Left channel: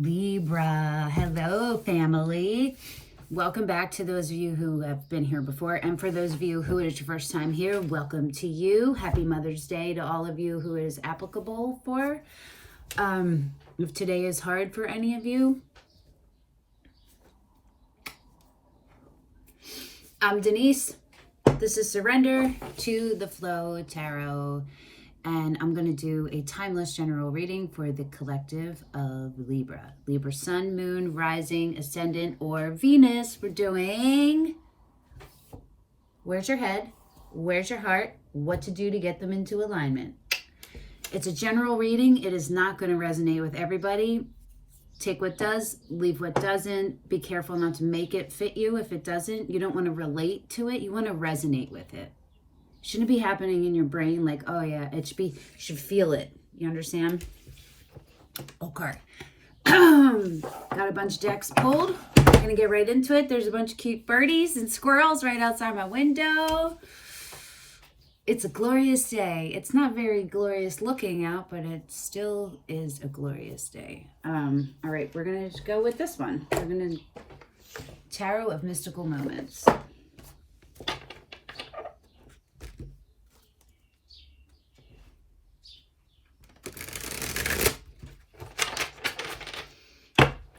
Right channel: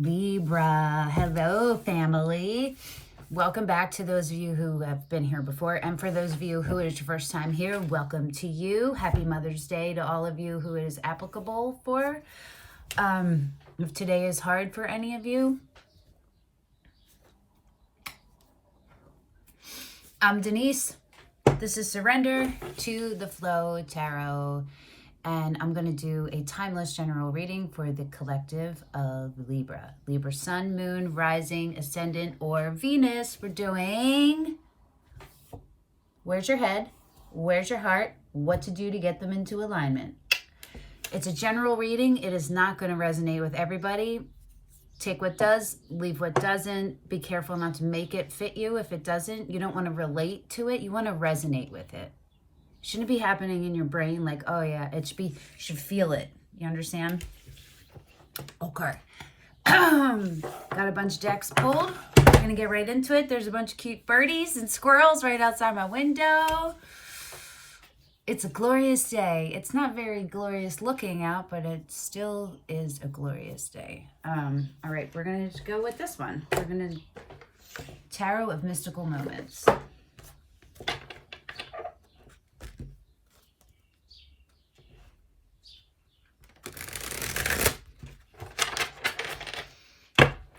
Libra, hello family. Welcome back to those of you who have been here before, and for those of you who it is your first time here, welcome to you. Happy Mother's Day to all of you who it is applicable for. If today is hard for any of you, I'm Denise. This is Surrender to the Flow Tarot, and I'm going to do a timeless general reading for the collective of Libra. Libra Sun, Moon, Rising, Ascendant, or Venus. We're doing where's your head, where's your heart, what to do to get them into alignment. It's a general reading. It is not going to resonate with everybody. Take what does, leave what doesn't. Be careful not to make it fit you. If it doesn't, you don't want to relate to it. You want to resonate with it. Shouldn't be happening in your brain like, oh yeah, it should be, you should feel it. You understand? Okay. Got a bunch of decks pulled. Gonna get right into it. There's a bunch of cute birdies and squirrels right outside my window. It's a glorious day. It's not very glorious looking out, but it still is a glorious day. All right, we're gonna just go with this one. We're gonna Tarot of Mystical Moments.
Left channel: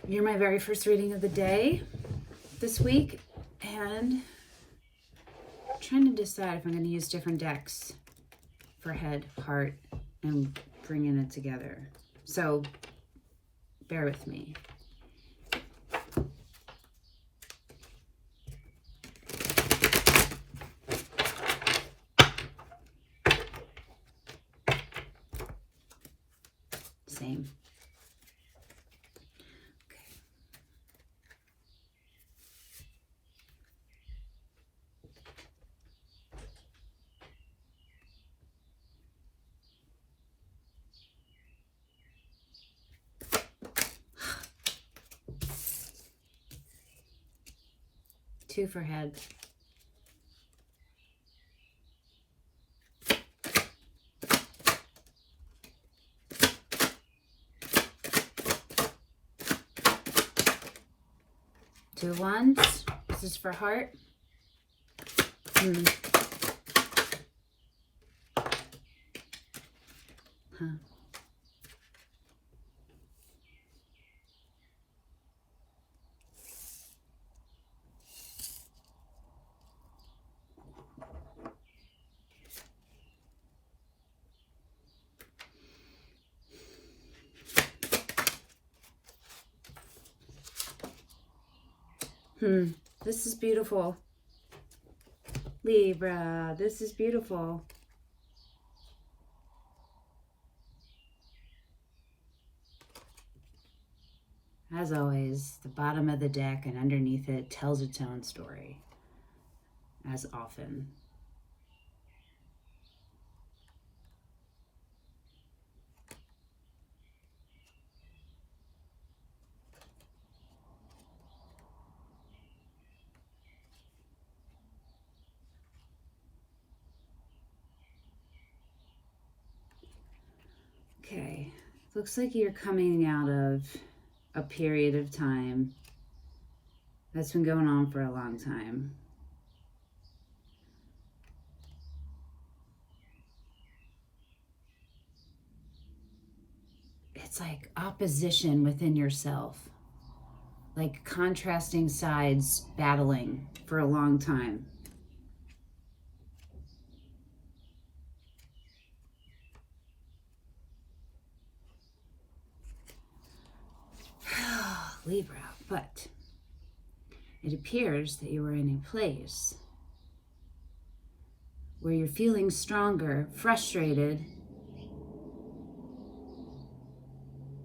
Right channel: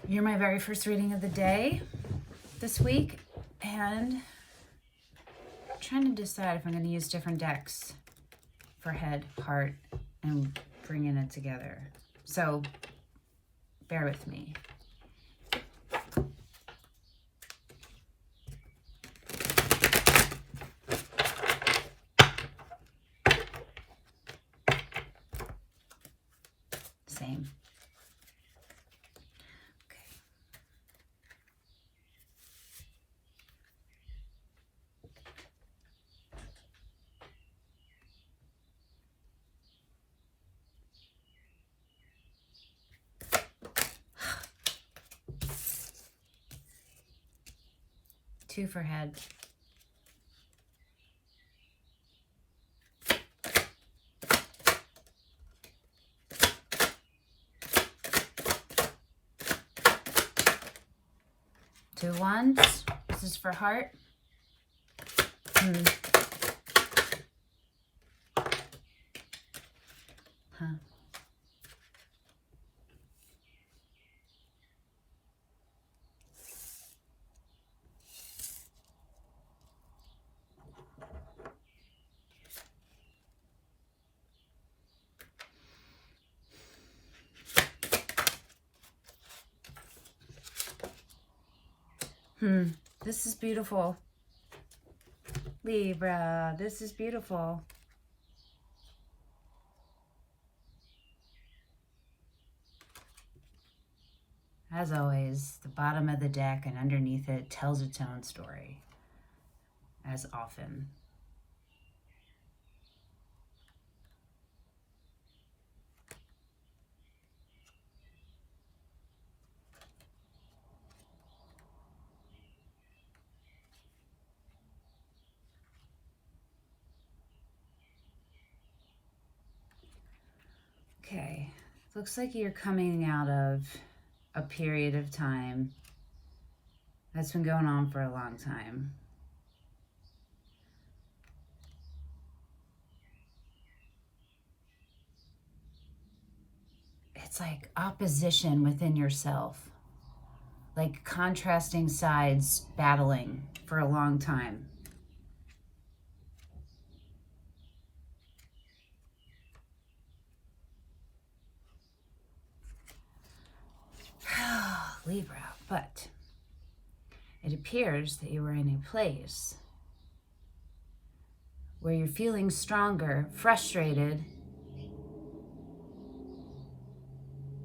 You're my very first reading of the day this week, and I'm trying to decide if I'm going to use different decks for head, heart, and bringing it together. So bear with me. Same. Two for head. Two wands. This is for heart. This is beautiful. Libra, this is beautiful. As always, the bottom of the deck and underneath it tells its own story, as often. Okay, looks like you're coming out of a period of time that's been going on for a long time. It's like opposition within yourself, like contrasting sides battling for a long time. Libra, but it appears that you are in a place where you're feeling stronger, frustrated,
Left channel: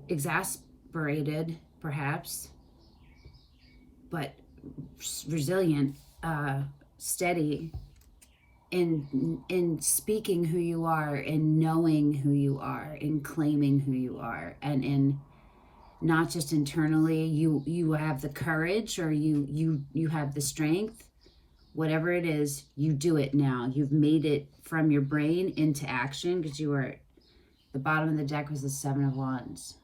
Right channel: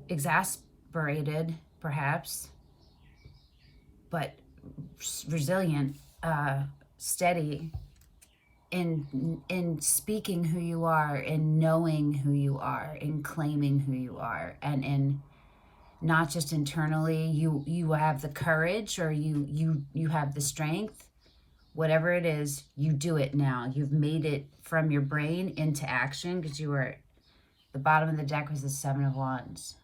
exasperated, perhaps, but resilient, steady in speaking who you are, in knowing who you are, in claiming who you are, and in not just internally, you have the courage, or you have the strength, whatever it is, you do it now. You've made it from your brain into action, because you were, the bottom of the deck was the Seven of Wands.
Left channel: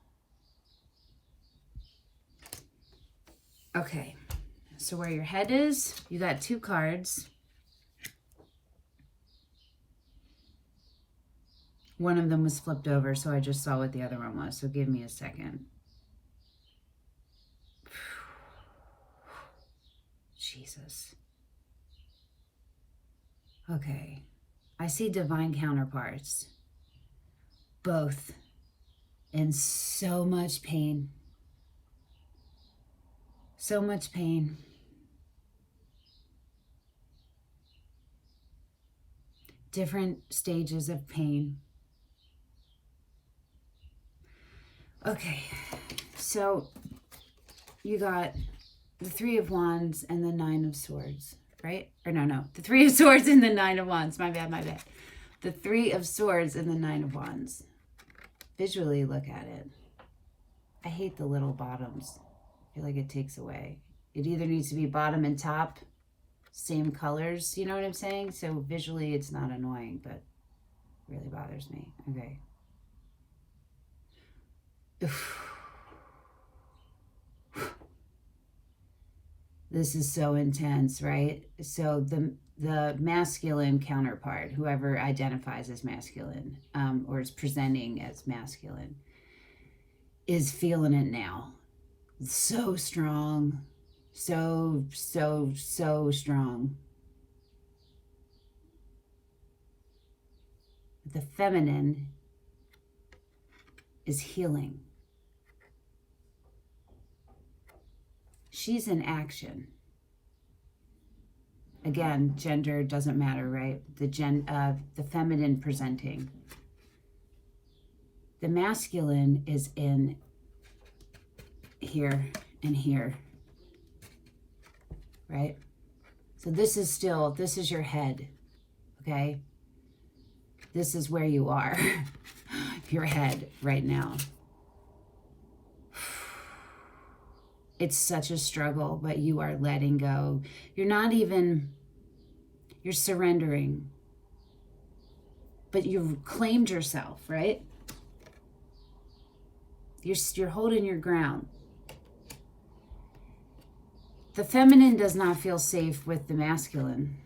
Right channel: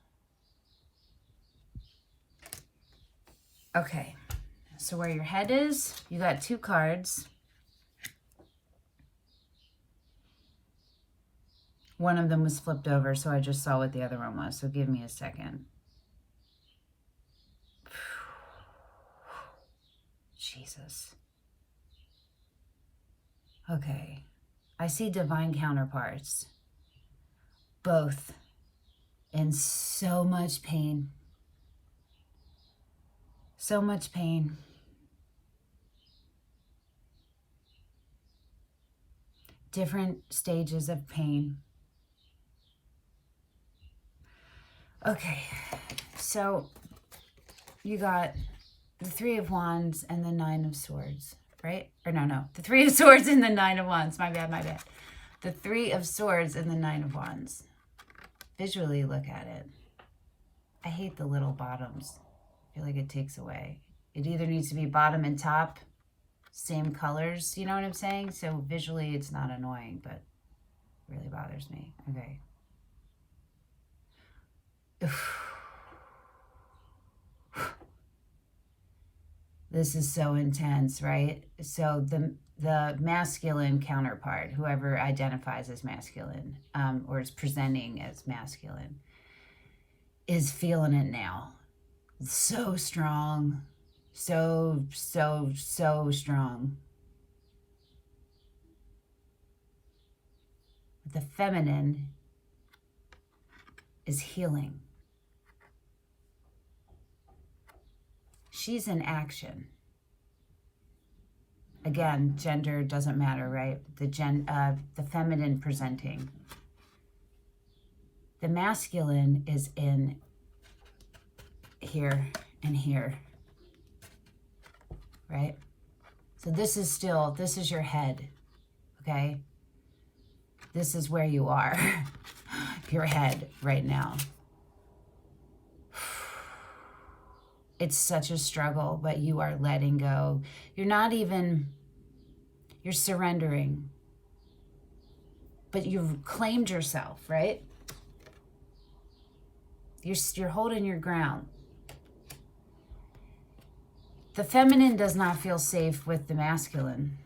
Okay, so where your head is, you got 2 cards. One of them was flipped over, so I just saw what the other one was. So give me a second. Jesus. Okay. I see divine counterparts. Both in so much pain. So much pain. Different stages of pain. Okay, so you got the 3 of Wands and the 9 of Swords, right? Or no, the 3 of Swords and the 9 of Wands. My bad. The 3 of Swords and the 9 of Wands. Visually look at it. I hate the little bottoms. I feel like it takes away. It either needs to be bottom and top, same colors, you know what I'm saying? So visually it's not annoying, but it really bothers me. Okay. This is so intense, right? So the masculine counterpart, whoever identifies as masculine, or is presenting as masculine, is feeling it now. So strong. So strong. The feminine is healing. She's in action. Again, gender doesn't matter, right? The feminine presenting. The masculine is in here and here, right? So this is your head, okay? This is where you are, your head right now. It's such a struggle, but you are letting go. You're surrendering. But you've claimed yourself, right? You're holding your ground. The feminine does not feel safe with the masculine.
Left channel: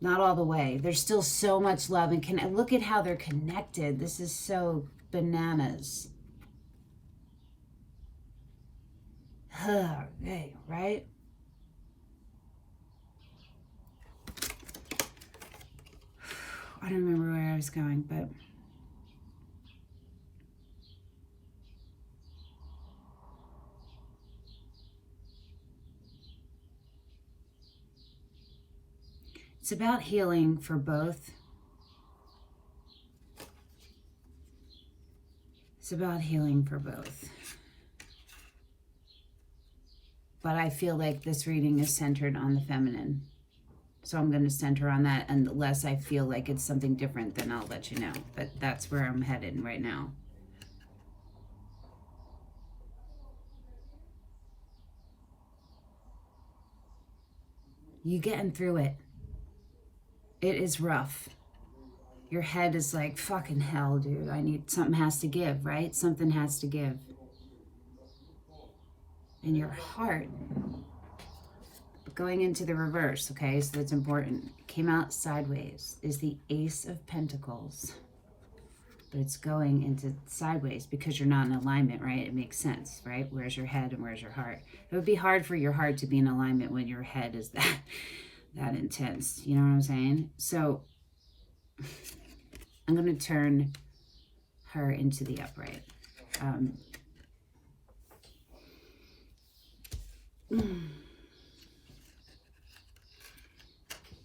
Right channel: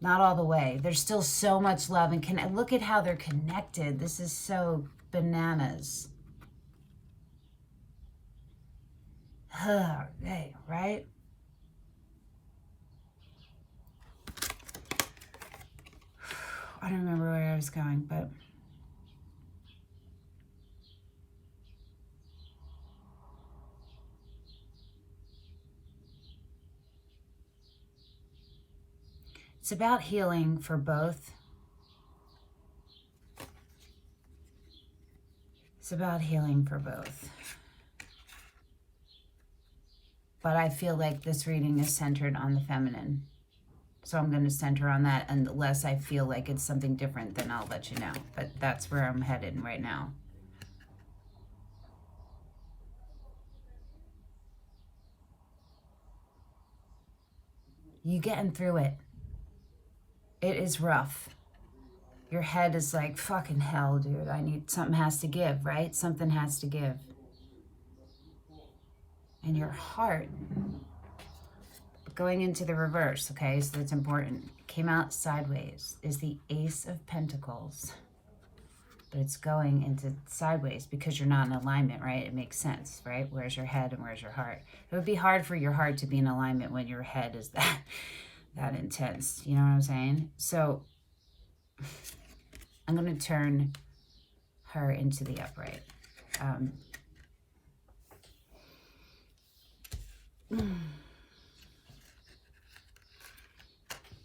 Not all the way. There's still so much love. And look at how they're connected. This is so bananas. Okay, right? I don't remember where I was going, but it's about healing for both. It's about healing for both. But I feel like this reading is centered on the feminine. So I'm going to center on that. And unless I feel like it's something different, then I'll let you know. But that's where I'm headed right now. You getting through it. It is rough. Your head is like, fucking hell, dude. Something has to give, right? Something has to give. And your heart, going into the reverse, okay, so that's important. Came out sideways, is the Ace of Pentacles. But it's going into sideways because you're not in alignment, right? It makes sense, right? Where's your head and where's your heart? It would be hard for your heart to be in alignment when your head is that intense. You know what I'm saying? So I'm going to turn her into the upright.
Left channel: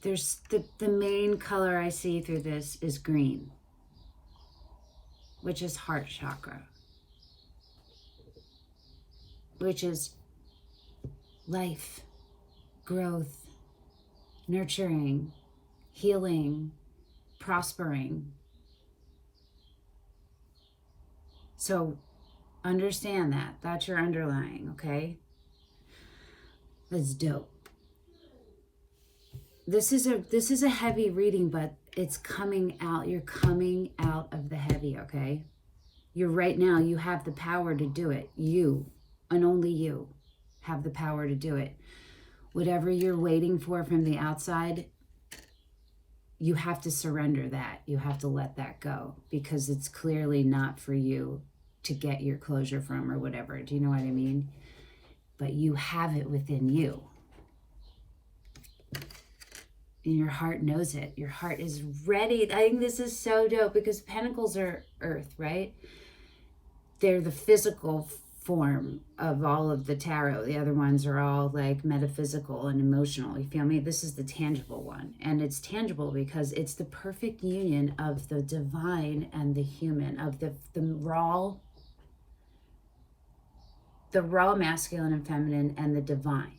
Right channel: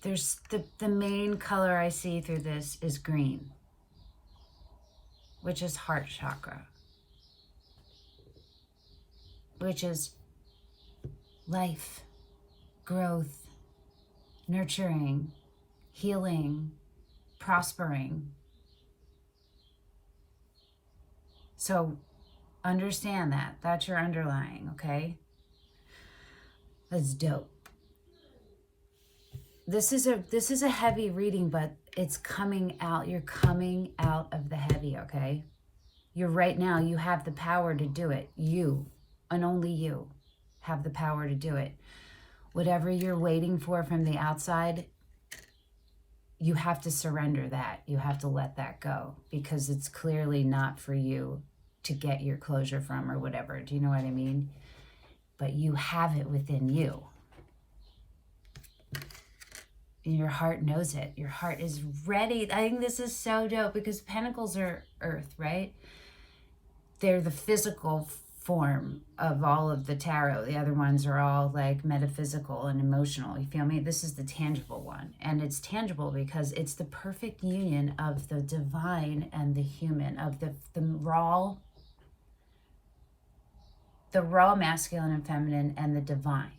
There's the main color I see through this is green, which is heart chakra, which is life, growth, nurturing, healing, prospering. So understand that. That's your underlying, okay? That's dope. This is a heavy reading, but it's coming out. You're coming out of the heavy, okay? You're right now, you have the power to do it. You, and only you, have the power to do it. Whatever you're waiting for from the outside, you have to surrender that. You have to let that go, because it's clearly not for you to get your closure from or whatever. Do you know what I mean? But you have it within you. And your heart knows it. Your heart is ready. I think this is so dope, because pentacles are earth, right? They're the physical form of all of the tarot. The other ones are all like metaphysical and emotional. You feel me? This is the tangible one. And it's tangible because it's the perfect union of the divine and the human, of the raw masculine and feminine and the divine.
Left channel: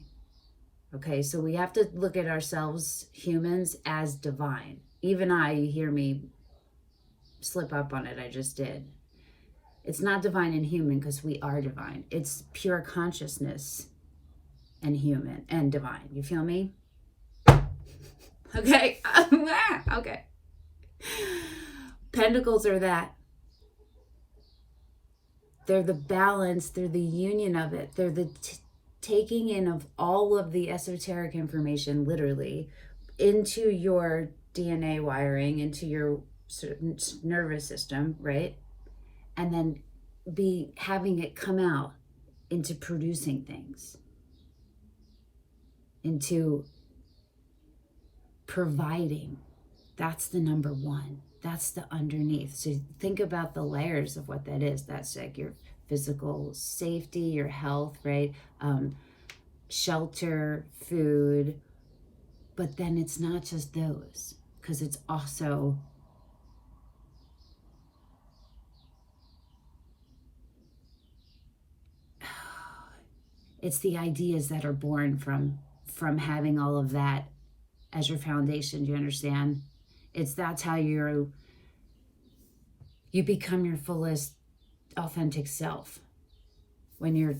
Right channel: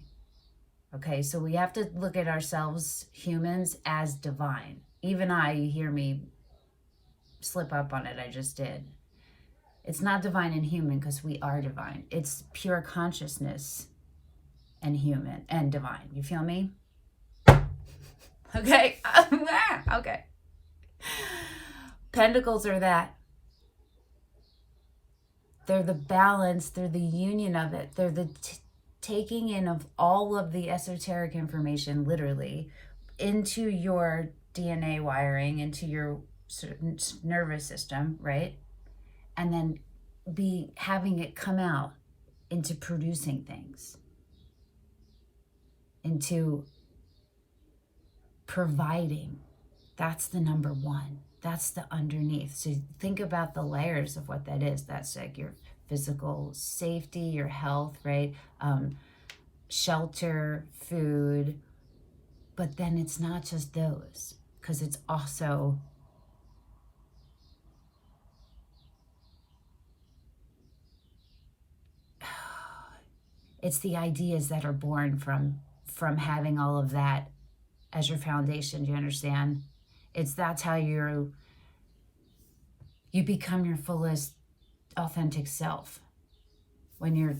Okay, so we have to look at ourselves, humans, as divine. Even you hear me slip up on it, I just did. It's not divine and human because we are divine. It's pure consciousness and human and divine. You feel me? Okay. Okay. Pentacles are that. They're the balance. They're the union of it. They're the taking in of all of the esoteric information, literally, into your DNA wiring, into your nervous system, right? And then having it come out into producing things, into providing. That's the number one. That's the underneath. So think about the layers of what that is. That's like your physical safety, your health, right? Shelter, food. But then it's not just those, because it's also it's the ideas that are born from having all of that as your foundation. Do you understand? That's how you become your fullest authentic self, when your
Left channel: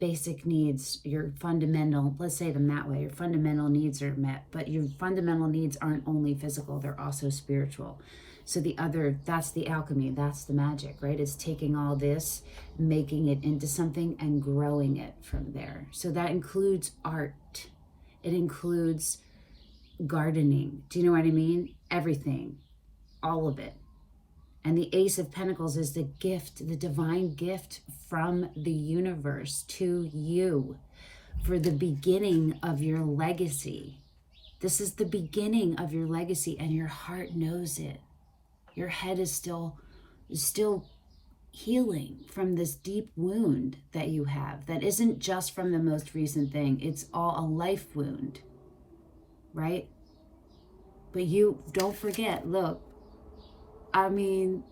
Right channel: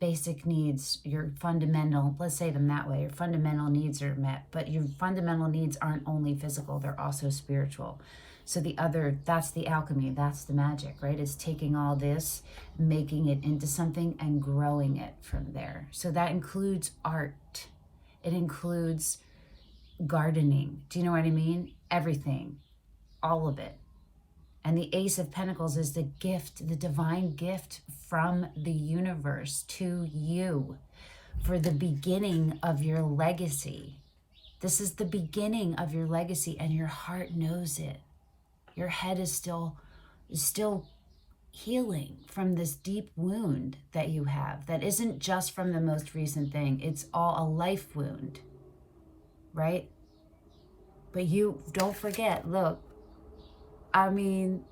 basic needs, your fundamental, let's say them that way, your fundamental needs are met. But your fundamental needs aren't only physical, they're also spiritual. So that's the alchemy, that's the magic, right? It's taking all this, making it into something and growing it from there. So that includes art. It includes gardening. Do you know what I mean? Everything, all of it. And the Ace of Pentacles is the gift, the divine gift from the universe to you for the beginning of your legacy. This is the beginning of your legacy, and your heart knows it. Your head is still healing from this deep wound that you have. That isn't just from the most recent thing. It's all a life wound, right? But you don't forget, look, I mean,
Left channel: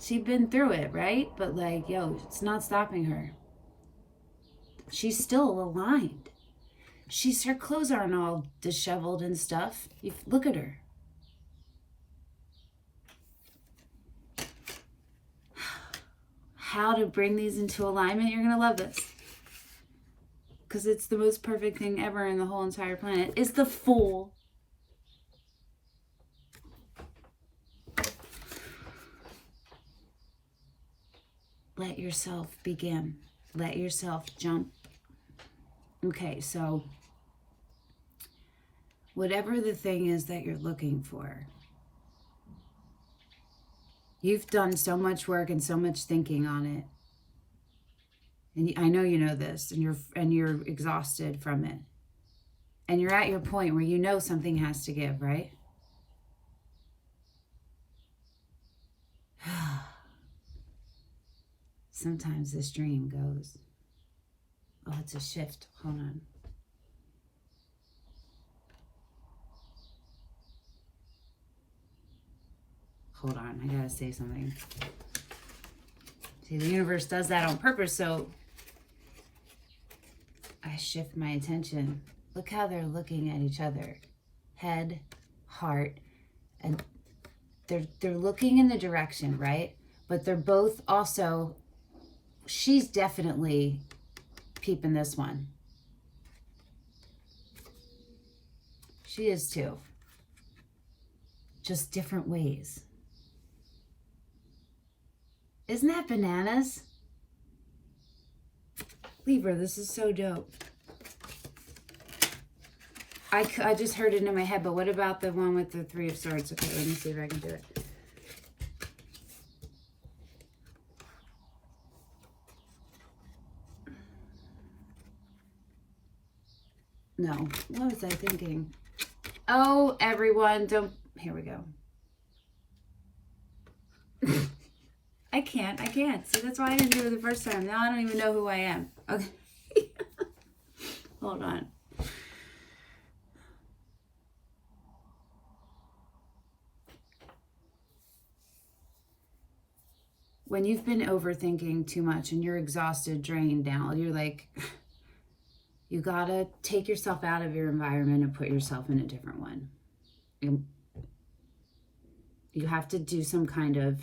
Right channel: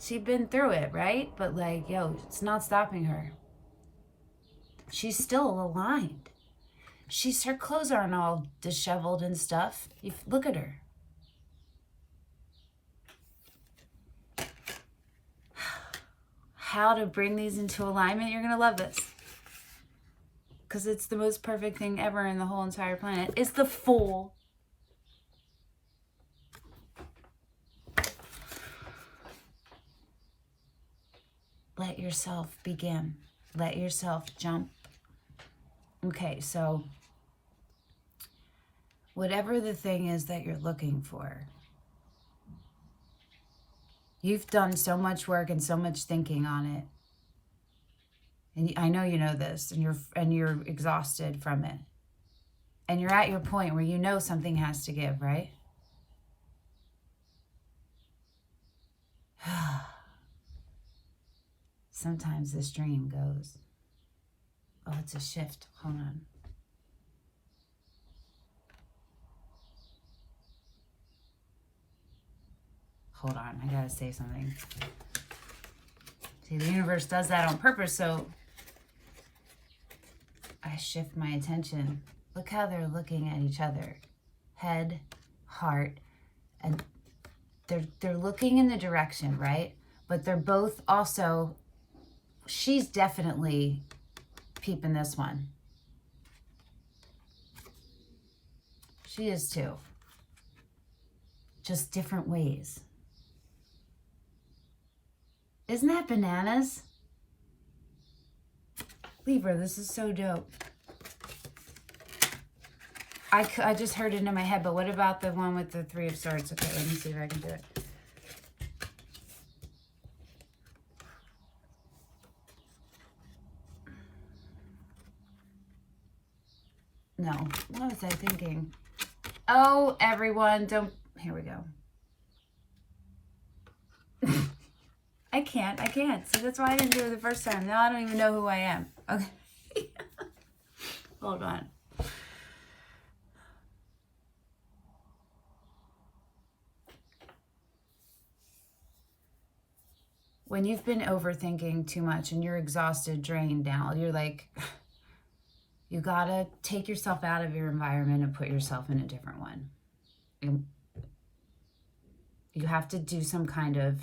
she's been through it, right? But like, it's not stopping her. She's still aligned. Her clothes aren't all disheveled and stuff. Look at her. How to bring these into alignment? You're going to love this. Because it's the most perfect thing ever in the whole entire planet. It's the Fool. Let yourself begin. Let yourself jump. Okay, so whatever the thing is that you're looking for, you've done so much work and so much thinking on it. And I know you know this, and you're exhausted from it. And you're at your point where you know something has to give, right? Sometimes this dream goes, oh, it's a shift. Hold on. Hold on, I gotta say something. See, the universe does that on purpose, so I shift my attention. Look how they're looking at each other. Head, heart, and they're looking in the direction, right? But they're both also, she's definitely peeping this one. She is too. Just different ways. Isn't that bananas? Libra, this is so dope. I just heard it in my head, but what about the one with the Three of Swords? Okay, let me see if I can do it. No, what was I thinking? Oh, everyone, don't, here we go. I can't. See, that's why I didn't do it the first time. Now I don't even know who I am. Okay. Hold on. When you've been overthinking too much and you're exhausted, drained down, you're like, you gotta take yourself out of your environment and put yourself in a different one. And you have to do some kind of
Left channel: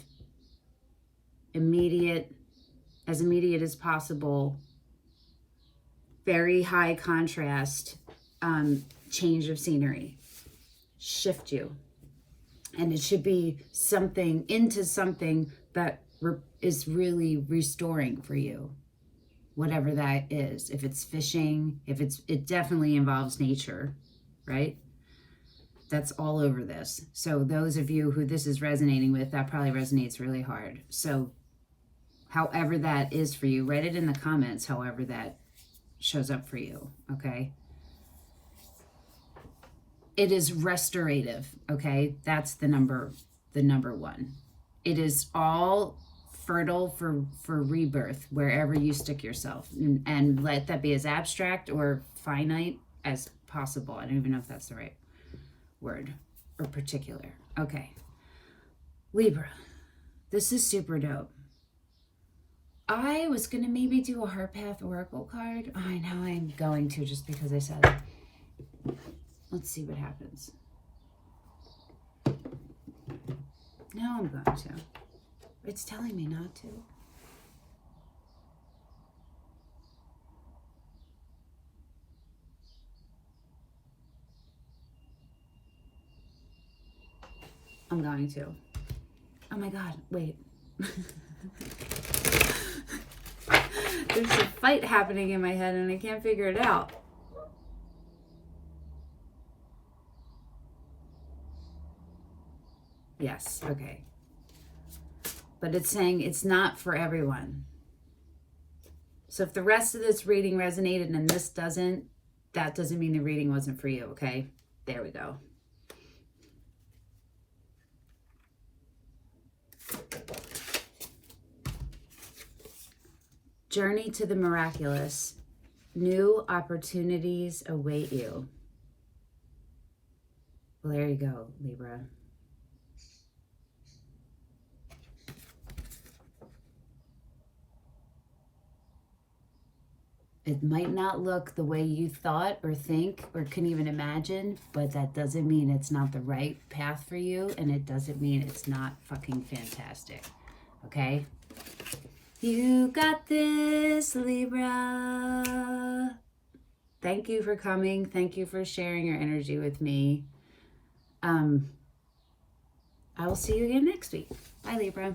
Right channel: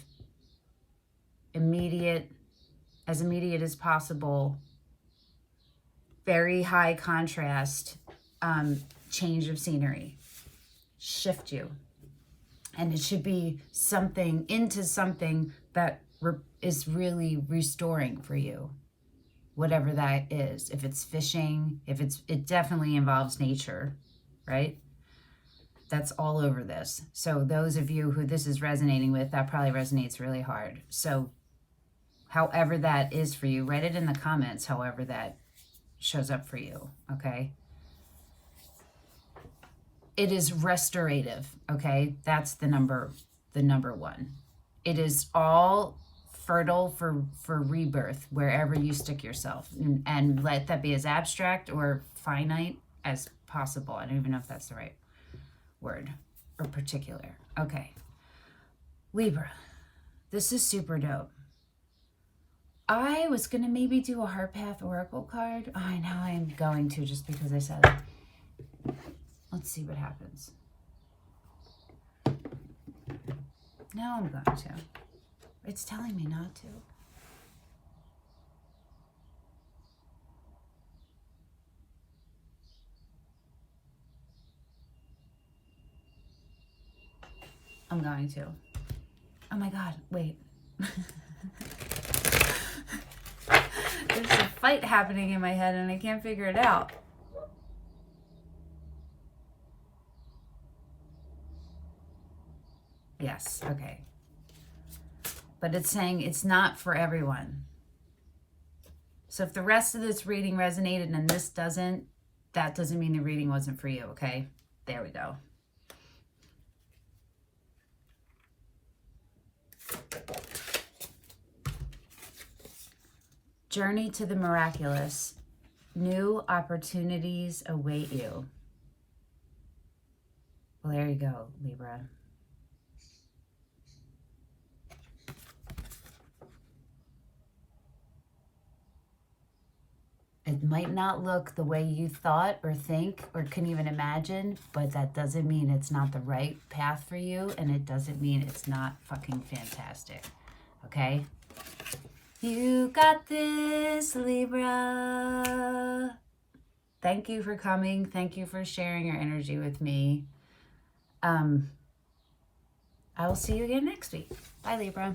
immediate as possible, very high contrast change of scenery. Shift you. And it should be something into something that is really restoring for you, whatever that is. If it's fishing, it definitely involves nature, right? That's all over this. So those of you who this is resonating with, that probably resonates really hard. So however that is for you, write it in the comments, however that shows up for you, okay? It is restorative, okay? That's the number one. It is all fertile for rebirth wherever you stick yourself, and let that be as abstract or finite as possible. I don't even know if that's the right word or particular. Okay, Libra, this is super dope. I was gonna maybe do a Heart Path Oracle card. Oh, I know I'm going to, just because I said it. Let's see what happens. No, I'm going to. It's telling me not to. I'm going to. Oh my God, wait. There's a fight happening in my head and I can't figure it out. Yes, okay. But it's saying it's not for everyone. So if the rest of this reading resonated and this doesn't, that doesn't mean the reading wasn't for you, okay? There we go. Journey to the miraculous. New opportunities await you. Well, there you go, Libra. It might not look the way you thought or think or can even imagine, but that doesn't mean it's not the right path for you, and it doesn't mean it's not fucking fantastic, okay? You got this, Libra. Thank you for coming. Thank you for sharing your energy with me. I will see you again next week. Bye, Libra.